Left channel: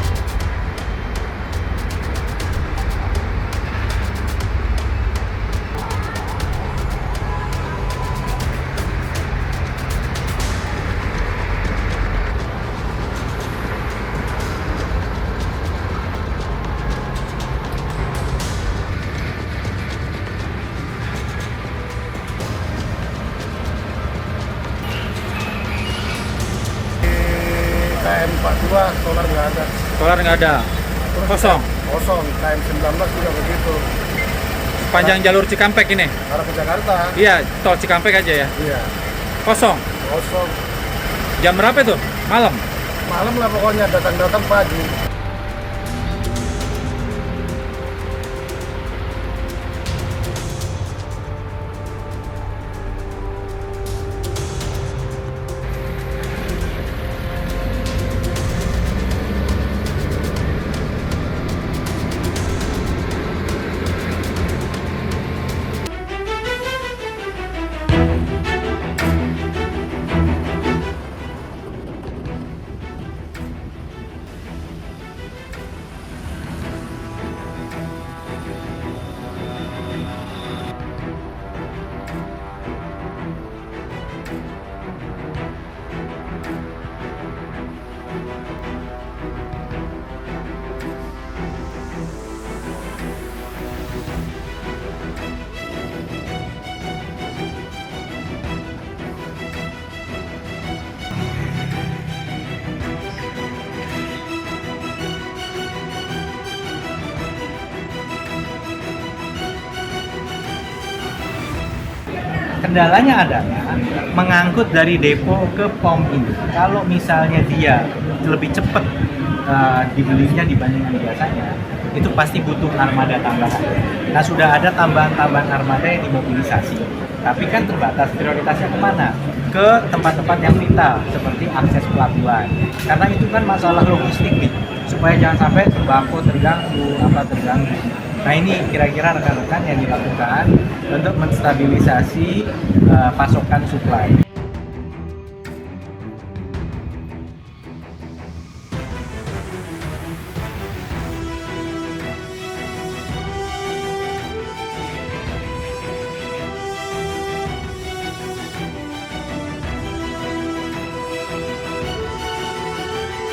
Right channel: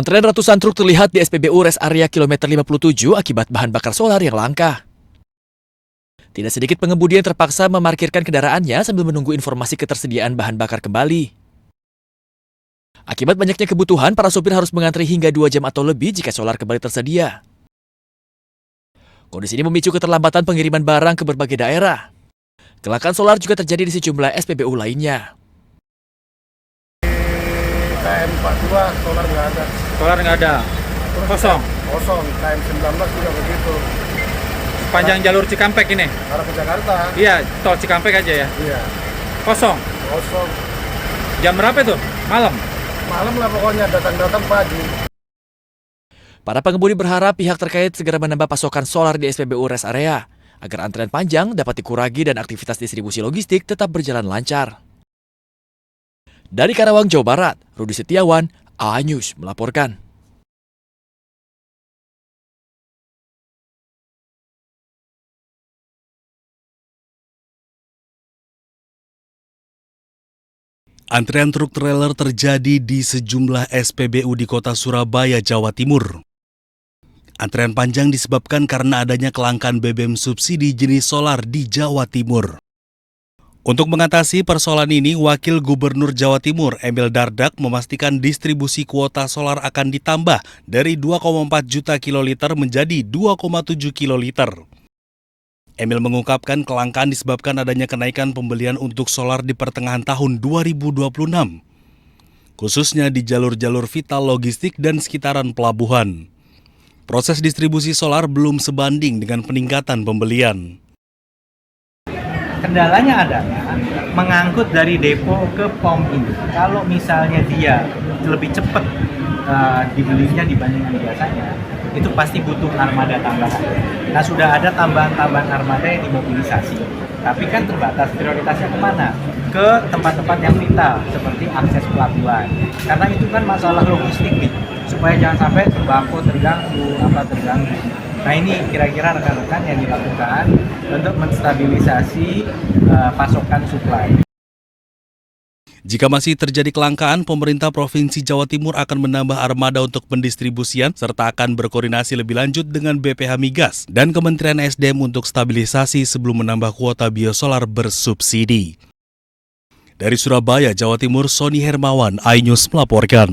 Antrean ratusan truk terlihat di SPBU Rest Area kilometer 57 akibat bahan bakar solar yang langka. Tidak sedikit pengemudi yang terpaksa memarkirkan kendaraannya sambil menunggu informasi ketersediaan bahan bakar kembali. Akibat banyaknya kebutuhan, para sopir harus mengantri hingga 2 jam atau lebih jika solar kembali tersedia. Kondisi ini memicu keterlambatan pengiriman barang ke berbagai daerah. Kecelakaan solar juga terjadi di sejumlah SPBU lainnya. KM42 solar nggak ada. Solar nggak ada. Kosong. Kosong. KM19 juga begitu. Panjang jalur Cikampek ini. Arah ke Jakarta. Iya, tol Cikampek aja ya. Iya. Kosong. Kosong. Jam berapa itu? Malam. Malam lah pokoknya, datang pagi. Para pengemudi berharap pihak terkait segera menambah pasokan solar di SPBU Rest Area agar antrean panjang dapat dikurangi dan aktivitas distribusi logistik tetap berjalan lancar. Dari Karawang, Jawa Barat, Rudi Setiawan, A-News melaporkan. Antrean truk trailer terjadi di sejumlah SPBU di kota Surabaya, Jawa Timur. Antrean panjang disebabkan karena adanya kelangkaan BBM subsidi jenis solar di Jawa Timur. Untuk mengatasi persoalan ini, Wakil Gubernur Jawa Timur Emil Dardak memastikan distribusi kuota solar akan ditambah dari 2,4 juta kiloliter menjadi 2,7 kiloliter. Emil mengungkapkan kelangkaan disebabkan adanya kenaikan pembelian untuk solar di pertengahan tahun 2026, khususnya di jalur-jalur vital logistik dan sekitaran pelabuhan. Proses distribusi solar belum sebanding dengan peningkatan pembelian. Kendalanya adalah mengangkut dari depo ke pom ini. Kalau misalnya dia lebih cepat dibelinya dibandingkan biasanya, itu pasti butuh armada tambahan. Nah, sudah ada tambahan armada yang dimobilisasi. Tapi kan terbatas, prioritasnya kemana? Ke tempat-tempat yang vital, seperti akses pelabuhan. Karena itu kan masalah logistik nih, supaya jangan sampai sembako terganggu. Nah, ini kira-kira rekan-rekan yang dilakukan untuk menstabilisasi pasokan suplai. Jika masih terjadi kelangkaan, pemerintah Provinsi Jawa Timur akan menambah armada untuk pendistribusian serta akan berkoordinasi lebih lanjut dengan BPH Migas dan Kementerian SDM untuk stabilisasi sebelum menambah kuota biosolar bersubsidi. Dari Surabaya, Jawa Timur, Sony Hermawan, A-News melaporkan.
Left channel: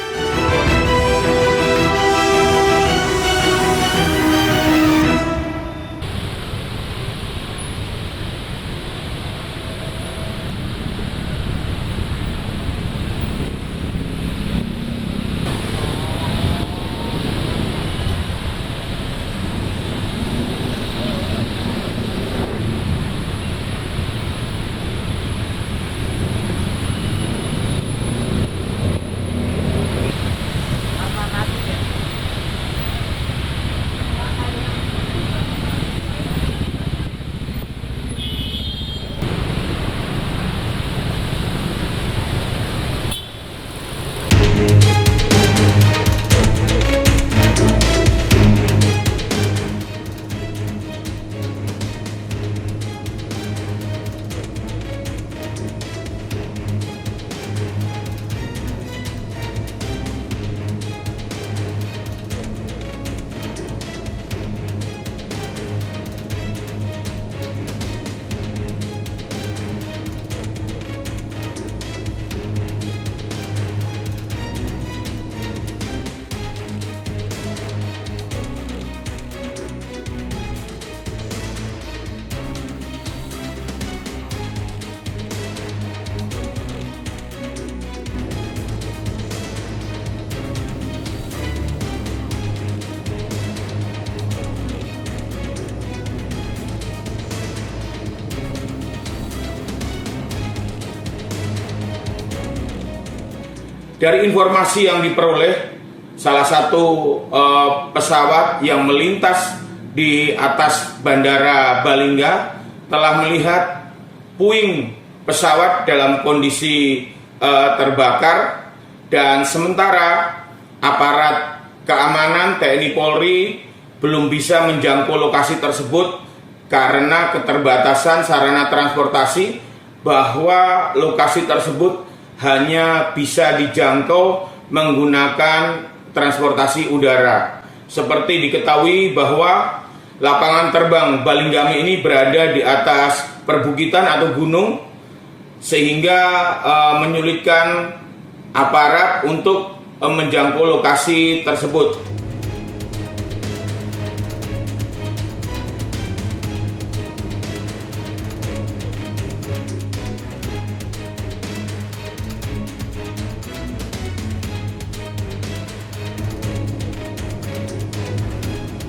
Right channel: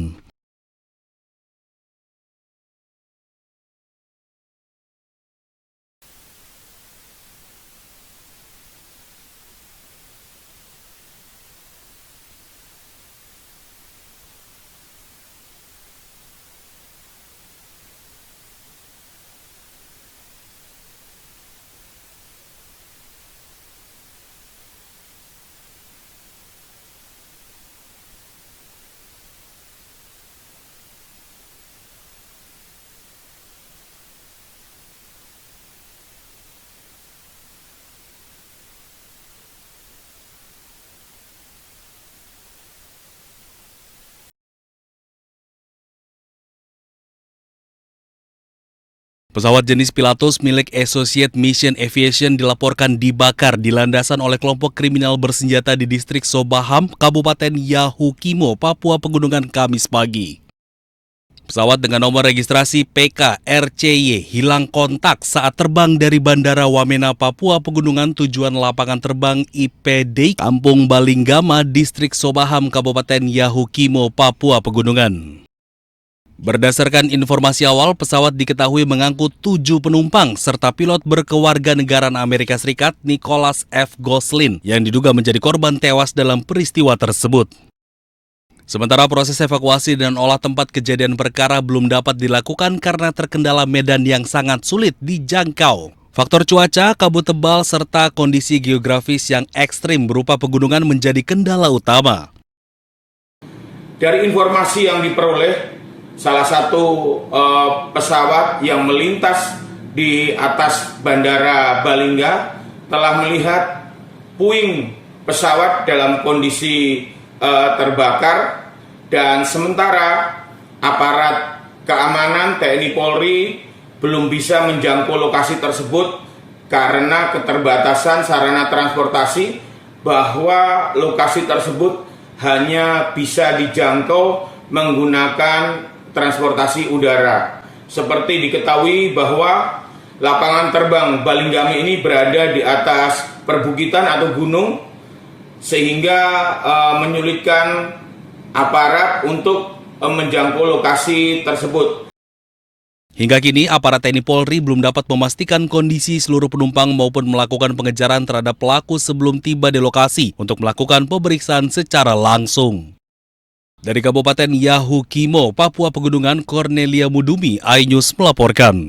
Pesawat jenis Pilatus milik Associate Mission Aviation dilaporkan dibakar di landasan oleh kelompok kriminal bersenjata di distrik Sobaham, Kabupaten Yahukimo, Papua Pegunungan, Kamis pagi. Pesawat dengan nomor registrasi PK-RCY hilang kontak saat terbang dari Bandara Wamena, Papua Pegunungan tujuan lapangan terbang IPD Kampung Balinggama, distrik Sobaham, Kabupaten Yahukimo, Papua Pegunungan. Berdasarkan informasi awal, pesawat diketahui mengangkut 7 penumpang serta pilot berkewarganegaraan Amerika Serikat Nicholas F. Goslin yang diduga menjadi korban tewas dalam peristiwa tersebut. Sementara proses evakuasi dan olah tempat kejadian perkara belum dapat dilakukan karena terkendala medan yang sangat sulit dijangkau. Faktor cuaca, kabut tebal, serta kondisi geografis yang ekstrim berupa pegunungan menjadi kendala utama. Dari informasi yang diperoleh, salah satu pesawat yang melintas di atas Bandara Balingga telah melihat puing pesawat dalam kondisi terbakar, dan sementara aparat keamanan TNI Polri belum bisa menjangkau lokasi tersebut karena keterbatasan sarana transportasi, bahwa lokasi tersebut hanya bisa dijangkau menggunakan transportasi udara. Seperti diketahui bahwa lapangan terbang Balinggami ini berada di atas perbukitan atau gunung, sehingga menyulitkan aparat untuk menjangkau lokasi tersebut. Hingga kini, aparat TNI Polri belum dapat memastikan kondisi seluruh penumpang maupun melakukan pengejaran terhadap pelaku sebelum tiba di lokasi untuk melakukan pemeriksaan secara langsung. Dari Kabupaten Yahukimo, Papua Pegunungan, Cornelia Mudumi, iNews melaporkan.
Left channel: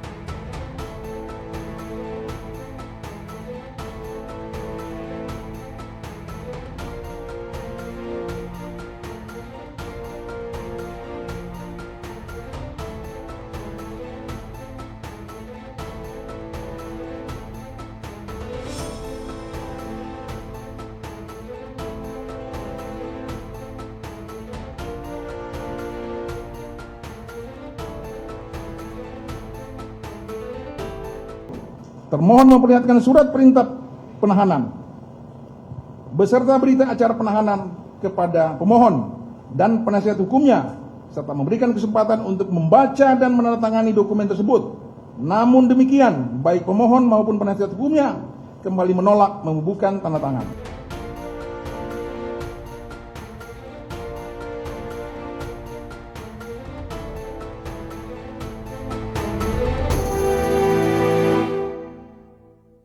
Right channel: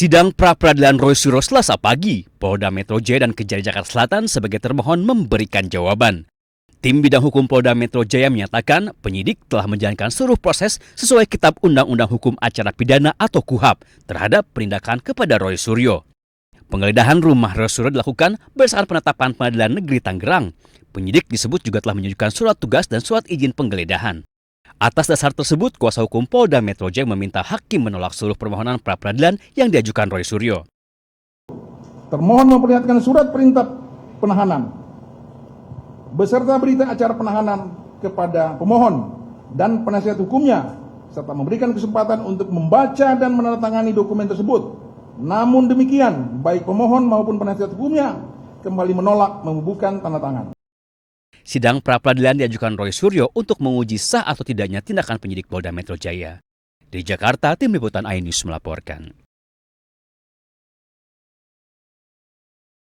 Sidang pra-peradilan Roy Suryo Selasa pagi, Polda Metro Jaya dan Kejari Jakarta Selatan sebagai termohon memberikan jawaban. Tim bidang hukum Polda Metro Jaya menyatakan penyidik telah menjalankan seluruh proses sesuai Kitab Undang-Undang Hukum Acara Pidana atau KUHAP terhadap penindakan kepada Roy Suryo. Penggeledahan rumah Roy Suryo dilakukan berdasarkan penetapan Pengadilan Negeri Tangerang. Penyidik disebut juga telah menunjukkan surat tugas dan surat izin penggeledahan. Atas dasar tersebut, kuasa hukum Polda Metro Jaya meminta hakim menolak seluruh permohonan pra-peradilan yang diajukan Roy Suryo. Termohon memperlihatkan surat perintah penahanan beserta berita acara penahanan kepada pemohon dan penasihat hukumnya serta memberikan kesempatan untuk membaca dan menandatangani dokumen tersebut. Namun demikian, baik pemohon maupun penasihat hukumnya kembali menolak membubuhkan tanda tangan. Sidang pra-peradilan diajukan Roy Suryo untuk menguji sah atau tidaknya tindakan penyidik Polda Metro Jaya. Di Jakarta, Tim Liputan iNews melaporkan.